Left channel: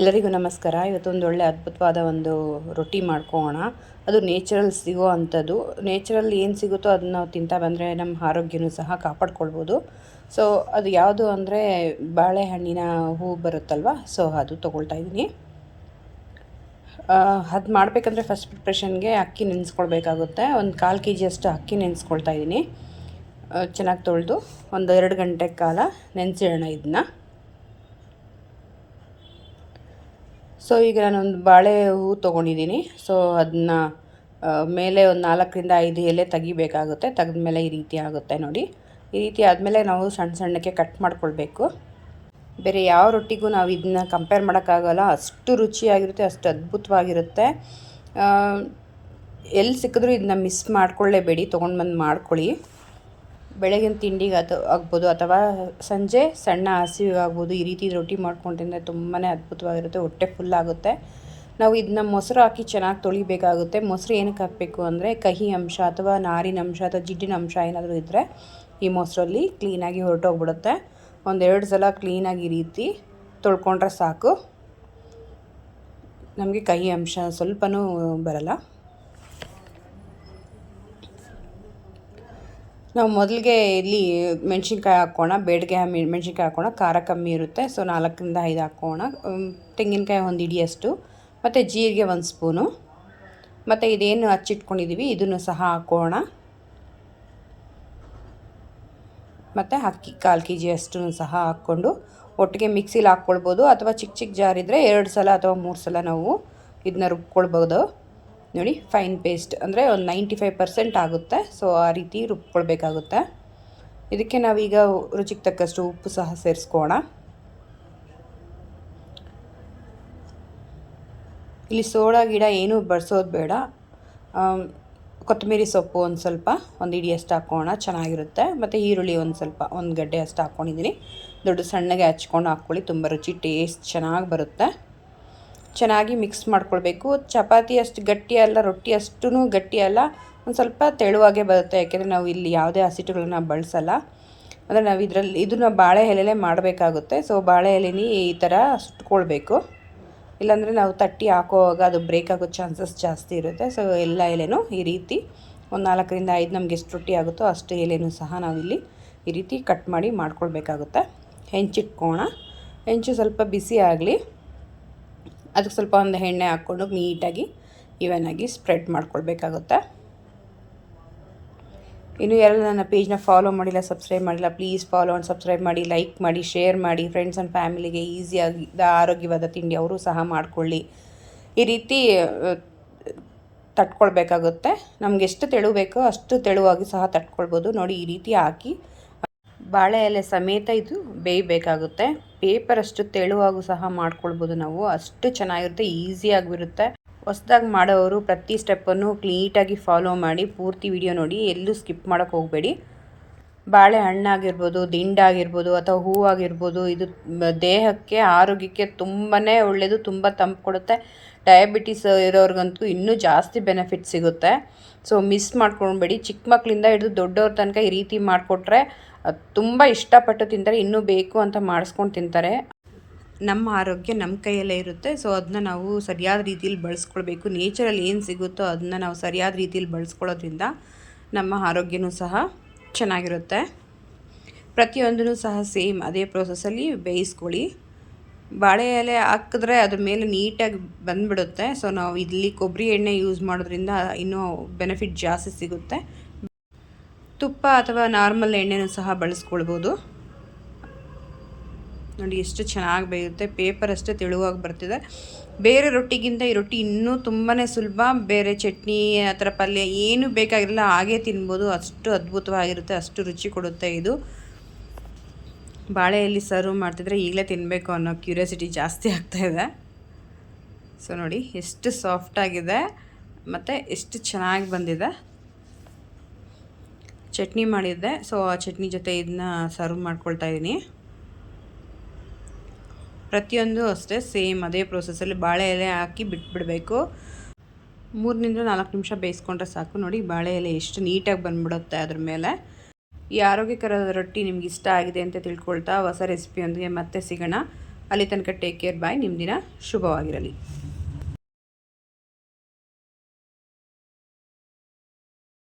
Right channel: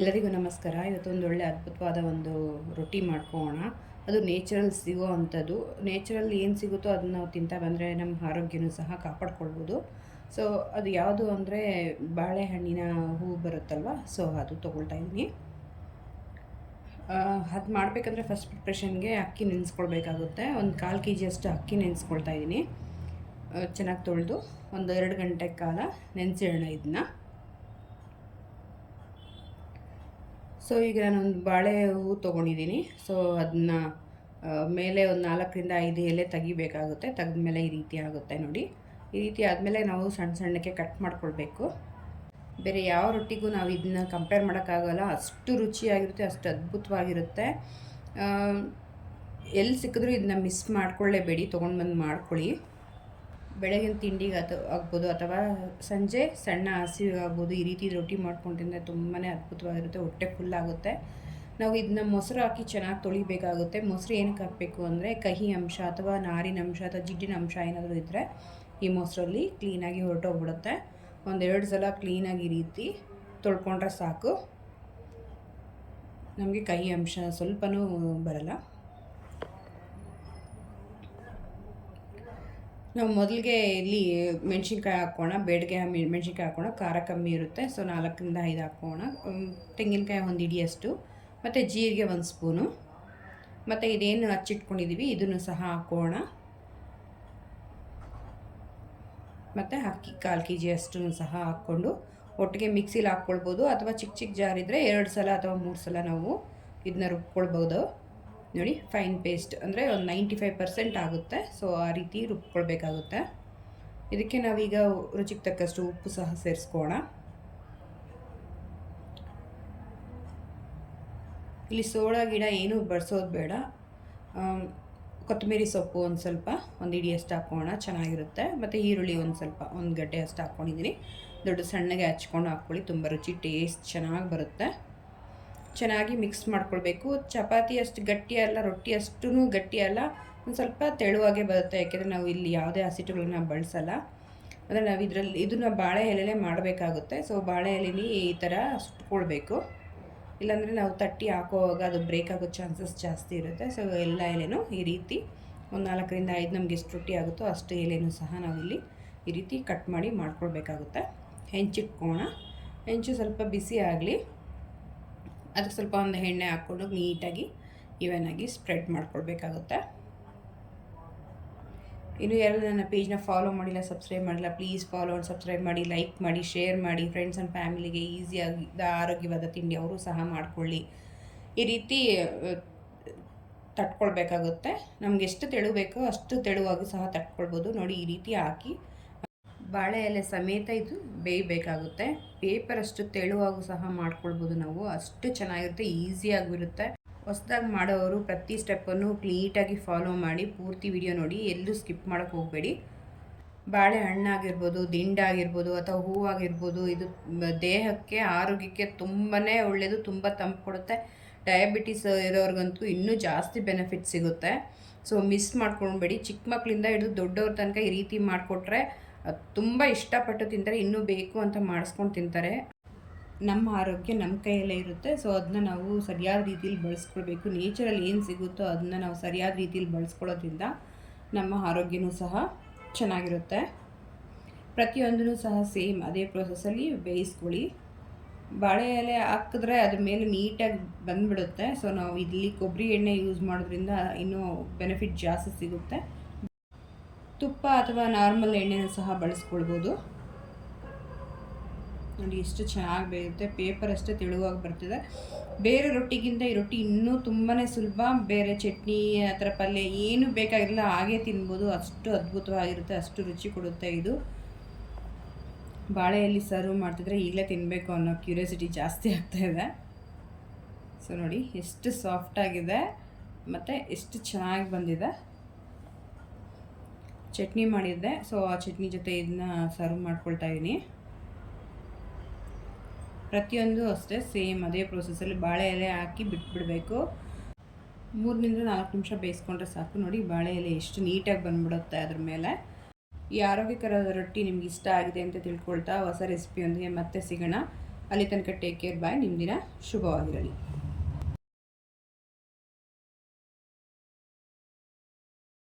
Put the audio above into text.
ಎಲ್ಲರಿಗೂ ನಮಸ್ಕಾರ. ಇವತ್ತೊಂದು ಒಳ್ಳೆ ಅದ್ಭುತವಾದ ಒಂದು ರೊಟ್ಟಿ ಮಾಡ್ಕೊಳ್ಳೋಣ. ಅದು ನೇಚರಲ್ ಸಿಗೋ ಅಂಥದ್ದು. ನೇಚರಲ್ ಏನು ಸಿಗುತ್ತೋ ಅದನ್ನ ನಾವು ತಿಂತಾ ಬಂದರೆ ನಮ್ಮ ಆರೋಗ್ಯನೂ ಸಹ ಕಾಪಾಡ್ಕೊಳ್ಬೋದು. ಸೊ ಅದು ಯಾವುದು ಅಂದರೆ ಬಾಳೆಹಣ್ಣಿನ ಹೂವು ಬರುತ್ತಲ್ವ, ಸೊ ಅದು ತೊಗೊಳ್ತಾ ಇದ್ದೀನಿ. ಅದು ಮಾಡಬೇಕಂದ್ರೆ ಫಸ್ಟ್ ಪ್ರಿಪ್ರೇಷನ್ಗೆ ಅಕ್ಕಿ ನೆನೆಸ್ಕೊಳ್ಬೇಕಾಗುತ್ತೆ. ಒಂದು 1/4 kg ಅಷ್ಟು ಅಕ್ಕಿ ನೆನೆಸ್ಕೊಳ್ತಾ ಇದ್ದೀನಿ. ಚೆನ್ನಾಗಿ ತೊಳೆದು ಒಂದು 2 ಗಂಟೆ ಕಾಲ ನೆನೆಸಿಡೋಣ ಇದನ್ನ. ಸೊ ಈಗ ನಾನೊಂದು ಬಾಳೆ ಹೂವು ತೊಗೊಂಡಿದ್ದೀನಿ. ಸೊ ಅದನ್ನ ಮೇಲೆ ಒಂದು 4ರಿಂದ 5 ಎಲೆ ತೆಗಿಬೇಕಾಗುತ್ತೆ. ತೆಗೆದ್ಮೇಲೆ ಈ ರೀತಿ ಆಗುತ್ತೆ ನೋಡಿ. ಈ ರೀತಿ ಆದಮೇಲೆ ನಾವು ಸಣ್ಣ ಸಣ್ಣಕ್ಕೆ ಕಟ್ ಮಾಡ್ಕೊಳ್ಬೇಕು. ಬೇರೆ ಯಾವ ರೊಟ್ಟಿಗೂ ನಾವು ಇದನ್ನ ಕಂಪೇರ್ ಮಾಡೋಕ್ಕಾಗಲ್ಲ. ಅಷ್ಟು ರುಚಿಯಾಗಿರುತ್ತೆ, ಅಷ್ಟು ಅದ್ಭುತವಾಗಿರುತ್ತೆ. ಎಲ್ಲಿ ಸಿಕ್ಕಿದ್ರೂ ಇದನ್ನ ಮಿಸ್ ಮಾಡ್ಕೊಳ್ಳೇಬೇಡಿ, ತೊಗೊಂಡು ಬಂದು ಮಾಡ್ಕೊಳ್ಳಿ. ಬೆಳಗಿನ ತಿಂಡಿಗೆ ಆಗ್ಬೋದು ಅಥವಾ ಸಂಜೆ ಸಣ್ಣ ಹಸಿವಿಗೆ ಆಗ್ಬೋದು. ಈ ರೀತಿ ರೊಟ್ಟಿ ಮಾಡ್ಕೊಂಡು ತಿಂದರೆ ತುಂಬಾ ಅದ್ಭುತವಾಗಿರುತ್ತೆ, ಹೊಟ್ಟೆ ಫುಲ್ ಆಗುತ್ತೆ. ನಾವು ಇದನ್ನ ಮೊಸರು ಹಾಕಿ ಚೆನ್ನಾಗಿ ತೊಳಿಬೇಕಾಗುತ್ತೆ. ಮೊಸರು ಏನಕ್ಕೆ ಹಾಕಬೇಕು ಅಂದರೆ ಕಹಿ ಅಂಶ ಅಥವಾ ನಾರಿನ ಅಂಶ ಅಥವಾ ಜಿಡ್ಡಿನ ಅಂಶ ಏನಾದರೂ ಇದ್ದರೆ ಈ ಮೊಸರಲ್ಲಿ ಕ್ಲೀನಾಗಿ ಹೊರಟೋಗ್ಬಿಡುತ್ತೆ. 1-2 ಸಲ ಕ್ಲೀನಾಗಿ ಈ ರೀತಿ ತೊಳ್ಕೊಂಡ್ರೆ ಸಾಕು, ನಮಗೆ ಕಹಿ ಅಂಶ ಸ್ವಲ್ಪನೂ ಬರಲ್ಲ. ನಾವು ಮೊದಲಿಗೆ ಇಲ್ಲಿ ಮೆಣಸಿನ್ಕಾಯಿ ಹಾಕೋಣ, ಬೇಡಿಗೆ ಮೆಣಸಿನ್ಕಾಯಿ ಹಾಕೋಣ, ಖಾರ ಕಮ್ಮಿ ಇರುತ್ತೆ. ಸೊ 4ರಿಂದ 5 ಹಾಕೋಣ. ತೆಂಗಿನಕಾಯಿ 1 ಹಿಡಿಯಷ್ಟು, ಮತ್ತು ಜೀರಿಗೆ 1 ಸ್ಪೂನು, ಮತ್ತು ಇದೇನು ಹಚ್ಚಿಟ್ಕೊಂಡಿದ್ದೀವಿ ಇದನ್ನು ಸಹ ಹಾಕೋಣ. ಮತ್ತು ಅಕ್ಕಿ 1/4 kg ಅಷ್ಟು ಸಹ ಹಾಕ್ಕೊಂಡು ಒಟ್ಟಿಗೆ ಮಿಕ್ಸಿಲಿ ಹಾಕ್ಕೊಳ್ಬೋದು. ಅಥವಾ ಚಿಕ್ಕ ಚಿಕ್ಕ ಜಾರ್ ಇದ್ದರೆ 2 ಸಲ ಅಥವಾ 3 ಸಲ ನಾವು ಇದನ್ನ ರುಬ್ಕೊಳ್ಬೋದು. ನೋಡಿ, ಫೈನ್ ಪೇಸ್ಟ್ ಅಂದರೆ ಒಂದು 95% ಆಗುತ್ತೆ. ಸೊ ಆ ರೀತಿ ರುಬ್ಕೊಳ್ಬೇಕಾಗುತ್ತೆ. ಇದಕ್ಕೆ ನಾವೀಗ ರುಚಿಗೆ ತಕ್ಕಷ್ಟು ಉಪ್ಪು ಸಹ ಸೇರಿಸ್ಕೋಣ. ಇಲ್ಲಿ ಸೋಡಾ ಗಿಡ ಏನೂ ಬಳಸೋದು ಬೇಡ. ಕೊತ್ತಂಬರಿ ಸೊಪ್ಪು ಒಂದು ಸ್ವಲ್ಪ, 1 ಹಿಡಿಯಷ್ಟು ಹಾಕೋಣ, ಚೆನ್ನಾಗಿರುತ್ತೆ. ಮತ್ತು ಈರುಳ್ಳಿ ಒಂದು ಸ್ವಲ್ಪ, 1 ಗಡ್ಡೆ ಅಷ್ಟು ಹಾಕ್ಕೊಂಡಿದ್ದೀನಿ. ದೊಡ್ಡ ಸಣ್ಣಗೆ ಹಚ್ಕೊಂಡು ಹಾಕ್ಕೊಳ್ಳಿ, ತುಂಬ ರುಚಿ ಟೇಸ್ಟ್ ಚೆನ್ನಾಗಿ ಬರುತ್ತೆ. ಚೆನ್ನಾಗಿ ಮಿಕ್ಸ್ ಮಾಡ್ಕೊಳ್ಬೇಕು. ಚಪಾತಿ ಅಷ್ಟು ಗಟ್ಟಿ ಅಲ್ಲ, ರೊಟ್ಟಿ ಅಷ್ಟೂ ಗಟ್ಟಿ ಅಲ್ಲ, ಒಂದು ಸ್ವಲ್ಪ ತೆಳುವಾಗೇ ಬರುತ್ತೆ. ಯಾಕೆಂದರೆ ನಾವು ಇಲ್ಲಿ ಯಾವುದೇ ಹಸಿಟ್ಟುಗಳನ್ನ ಬಳಸಲ್ಲ. ಅಂದರೆ ನಾವು ಇದನ್ನು ಬಾಳೆ ಎಲೆಲೇ ಮಾಡಬೇಕಾಗುತ್ತೆ. ಸೊ ಬಾಳೆ ಎಲೆನೇ ಈ ಥರ ಸುಟ್ಕೊಳ್ಬೇಕು, ಇಲ್ಲಾಂದರೆ ನಾವು ತಟ್ಟಿ ಹಾಕೋವಾಗ ಅದು ಬ್ರೇಕ್ ಆಗೋ ಚಾನ್ಸಸ್ ಜಾಸ್ತಿ ಇರುತ್ತೆ. ಸೊ ಎಲ್ಲ ಎಲೆನೂ ಈ ರೀತಿ ಒಂದು 4ರಿಂದ 5 ನಮಗೆ ಎಷ್ಟು ರೊಟ್ಟಿ ಆಗುತ್ತೋ ಅಷ್ಟು ಎಲೆನೂ ಸಹ ನಾವಿಲ್ಲಿ ಈ ರೀತಿ ಕಟ್ ಮಾಡಿ ಮಾಡ್ಕೊಳ್ಬೇಕಾಗುತ್ತೆ. ಹೆಂಚಿಟ್ಕೋಣ. ಹೆಂಚು ಸ್ವಲ್ಪ ಬಿಸಿ ಆಗಲಿ, ಅದಕ್ಕೆ ಸ್ವಲ್ಪ ಒಂದು ಎಣ್ಣೆ ಹಾಕ್ಕೊಂಡು ನೀಟಾಗಿ ಈವನಾಗಿ ಸ್ಪ್ರೆಡ್ ಮಾಡ್ಕೊಳ್ಬೇಕಾಗುತ್ತೆ. ಇನ್ನು ಯಾರು ನನ್ನ ಪೇಜ್ನ ಫಾಲೋ ಮಾಡಿಲ್ಲ, ಸಬ್ಸ್ಕ್ರೈಬ್ ಮಾಡಿಲ್ಲ, ಪ್ಲೀಸ್ ಫಾಲೋ ಆ್ಯಂಡ್ ಸಬ್ಸ್ಕ್ರೈಬ್ ಮಾಡಿ, ಲೈಕ್ ಮಾಡಿ, ಶೇರ್ ಮಾಡಿ. ಫ್ರೆಂಡ್ಸ್ ಆ್ಯಂಡ್ ಫ್ಯಾಮಿಲಿಗೆ ಈಸಿಯಾಗಿ ಆರೋಗ್ಯವಾದ ತಿಂಡಿ ಅವರು ಸಹ ಮಾಡಿಕೊಳ್ಳಿ. ಈ ರೀತಿ ತಟ್ಕೊಳ್ಬೇಕಾಗುತ್ತೆ. ನಮ್ಗೆ ಎಷ್ಟು ತೆಳು ಬೇಕೋ ಅಷ್ಟು ತೆಳುವಾಗಿ ಸಹ ತಟ್ಕೊಳ್ಬೋದು. ನೋಡಿ, ಈ ರೀತಿ ಹಾಕಿ ಬಾಳೆ ಎಲೆ ಸಮೇತ ಇದು ಬೇಯಬೇಕಾಗುತ್ತೆ. ಪೇಪರ್ ಅಷ್ಟು ತೆಳುವಾಗೂ ಸಹ ಮಾಡ್ಕೊಳ್ಬೋದು ನಾವು, ಅಷ್ಟು ಚೆನ್ನಾಗಿರುತ್ತೆ, ಈಸಿಯಾಗಿರುತ್ತೆ. ಹೊಸದಾಗಿ ಮಾಡೋರು ಪ್ರತಿ ಸ್ಟೆಪ್ಪನ್ನು ನೀಟಾಗಿ ಫಾಲೋ ಮಾಡಿ, ಪೂರ್ತಿ ವಿಡಿಯೋ ನೋಡಿ, ಎಲ್ಲೂ ಸ್ಕಿಪ್ ಮಾಡೋಕ್ಕೆ ಹೋಗಬೇಡಿ. ಬಾಳೆ ಹಣ್ಣಾಗಿರ್ಬೋದು, ದಿಂಡಾಗಿರ್ಬೋದು ಅಥವಾ ಹೂವಾಗಿರ್ಬೋದು, ಇದು ದೇಹಕ್ಕೆ ಆರೋಗ್ಯಕ್ಕೆ ತುಂಬಾ ಒಳ್ಳೆಯದು, ತುಂಬ ತಂಪು ಕೊಡುತ್ತೆ. ಡಯಾಬಿಟಿಸ್ ಇರೋರಿಗಂತೂ ಇನ್ನೂ ಜಾಸ್ತಿ ಬೆನಿಫಿಟ್ ಸಿಗುತ್ತೆ. ಸೊ ಮಿಸ್ ಮಾಡ್ಕೊಳ್ಬೇಡಿ. ಚಿಕ್ಕ ಮಕ್ಕಳಿಂದ ಹಿಡಿದು ದೊಡ್ಡವ್ರ ತನಕ ಈ ರೀತಿ ಮಾಡಿಕೊಟ್ರೆ ತುಂಬ ಇಷ್ಟಪಟ್ಟು ತಿಂತಾರೆ, ಇನ್ನೂ ಬೇಕು ಅಂತ ಮಾಡಿಸ್ಕೊಂಡು ತಿಂತಾರೆ. ನಮ್ಮ ಆರೋಗ್ಯ ನಮ್ಮ ಕೈಯಲ್ಲೇ ಇರುತ್ತೆ. ಸೊ ಅದನ್ನ ನಾವು ಸರಿಯಾದ ರೀತಿಯಲ್ಲಿ ಬಳಸ್ಕೊಳ್ಬೇಕು. ನೇಚರಲ್ಲಿ ಏನು ಸಿಗುತ್ತೋ ಅದನ್ನ ನಾವು ಸರಿಯಾದ ರೀತಿಯಲ್ಲಿ ಬಳಸ್ಕೊಳ್ಳೋದ್ರಿಂದ ನಮ್ಮ ಆರೋಗ್ಯನೂ ಸಹ ಚೆನ್ನಾಗಿರುತ್ತೆ. ಪ್ರತಿಯೊಂದೂ ಸಹ ಸೇಮ್ ಅದೇ ಪ್ರೋಸೆಸ್ಸಲ್ಲಿ ಬೇಯಿಸ್ಕೊಳ್ಳಿ. ಬಾಳೆ ಎಲೆ ಹಾಕಿದ್ರೆ ಅದ್ರ ಮೇಲೆ ನೀಟಾಗಿ ಬಂದುಬಿಡುತ್ತೆ. ಸೊ ನಾವು ಇಲ್ಲಿ ಕೊಬ್ಬರಿ ಎಣ್ಣೆ ಯೂಸ್ ಮಾಡೋದ್ರಿಂದ ಇನ್ನೂ ಬೆನಿಫಿಟ್ ಜಾಸ್ತಿ ಸಿಗುತ್ತೆ. ತುಪ್ಪ ಅಥವಾ ನಾರ್ಮಲ್ ಎಣ್ಣೆನೂ ಸಹ ಬಳಸ್ಕೊಳ್ಬೋದು. ನೋಡಿ ಎಷ್ಟು ಚೆನ್ನಾಗಿ ಬೇಯುತ್ತೆ, ಪೇಪರ್ ಅಷ್ಟೇ ತೆಳುವಾಗಿ ಬರ್ತಿದೆ. ಬೇರೆ ರೊಟ್ಟಿಗಿಂತ ಈ ರೊಟ್ಟಿ ಇನ್ನೂ ತುಂಬಾ ಸುಲಭ. ಬೇರೆ ಚಟ್ನಿ ಆ ಥರ ಪಲ್ಯ ಏನೂ ಬೇಕಾಗಿರಲ್ಲ, ಹಾಗೇ ತಿನ್ಬೋದು. ಅಷ್ಟು ಅದ್ಭುತವಾಗಿರುತ್ತೆ, ಅಷ್ಟು ರುಚಿ ಕೊಡುತ್ತೆ ಇದು. ಬಾಳೆಯಲ್ಲಿ ಸರ್ವ್ ಮಾಡ್ತಿದ್ರೆ ಈಗಲೇ ತಿನ್ನಬೇಕು ಅನ್ನೋ ಕ್ಯೂರಿಯಾಸಿಟಿ ಜಾಸ್ತಿ ಆಗ್ತಾಯಿದೆ. ಸೊ ನೋಡಿ ಎಷ್ಟು ಸಾಫ್ಟಾಗಿದೆ ಮತ್ತು ಎಷ್ಟು ಚೆನ್ನಾಗಿ ಬಂದಿದೆ. ಚಟ್ನಿ ಮಾಡಿದ್ದೆ, ಸೊ ಆ ಚಟ್ನಿ ಜೊತೆ ಇದನ್ನ ಸರ್ವ್ ಮಾಡ್ಕೊಳ್ತಾ ಇದ್ದೀನಿ. ಪ್ರತಿಯೊಂದು ಅಷ್ಟೇ ಸೇಮ್ ಅದೇ ಪ್ರೋಸೆಸ್ಸಲ್ಲಿ ಬಾಳೆ ಎಲೆ ಹಾಕಿ ಬಿಟ್ಬಿಡಬೇಕು. 3ರಿಂದ 4 ನಿಮಿಷ ಬೇಯಿಸ್ಕೊಂಡ್ರೆ ಸಾಕು. ನೋಡಿ ಬಾಳೆ ಎಲೆ ಎಷ್ಟು ನೀಟಾಗಿ ಬಂದ್ಬಿಡುತ್ತೆ ಅದ್ರ ಮೇಲೆ. ಈ ಆರೋಗ್ಯಕರ ರೊಟ್ಟಿ ನಿಮ್ಗೆ ಇಷ್ಟ ಆಗಿದೆ ಅಂತ ತಿಳ್ಕೊಳ್ತಾ ಹೊಸ ರೆಸಿಪಿಯೊಂದಿಗೆ ಮತ್ತೆ ಸಿಗೋಣ. ಅಲ್ಲಿ ತನಕ ಟೇಕ್ ಕೇರ್ ಬಾಯ್. ನಿಮ್ಮ ದಿನ ಶುಭವಾಗಿರಲಿ.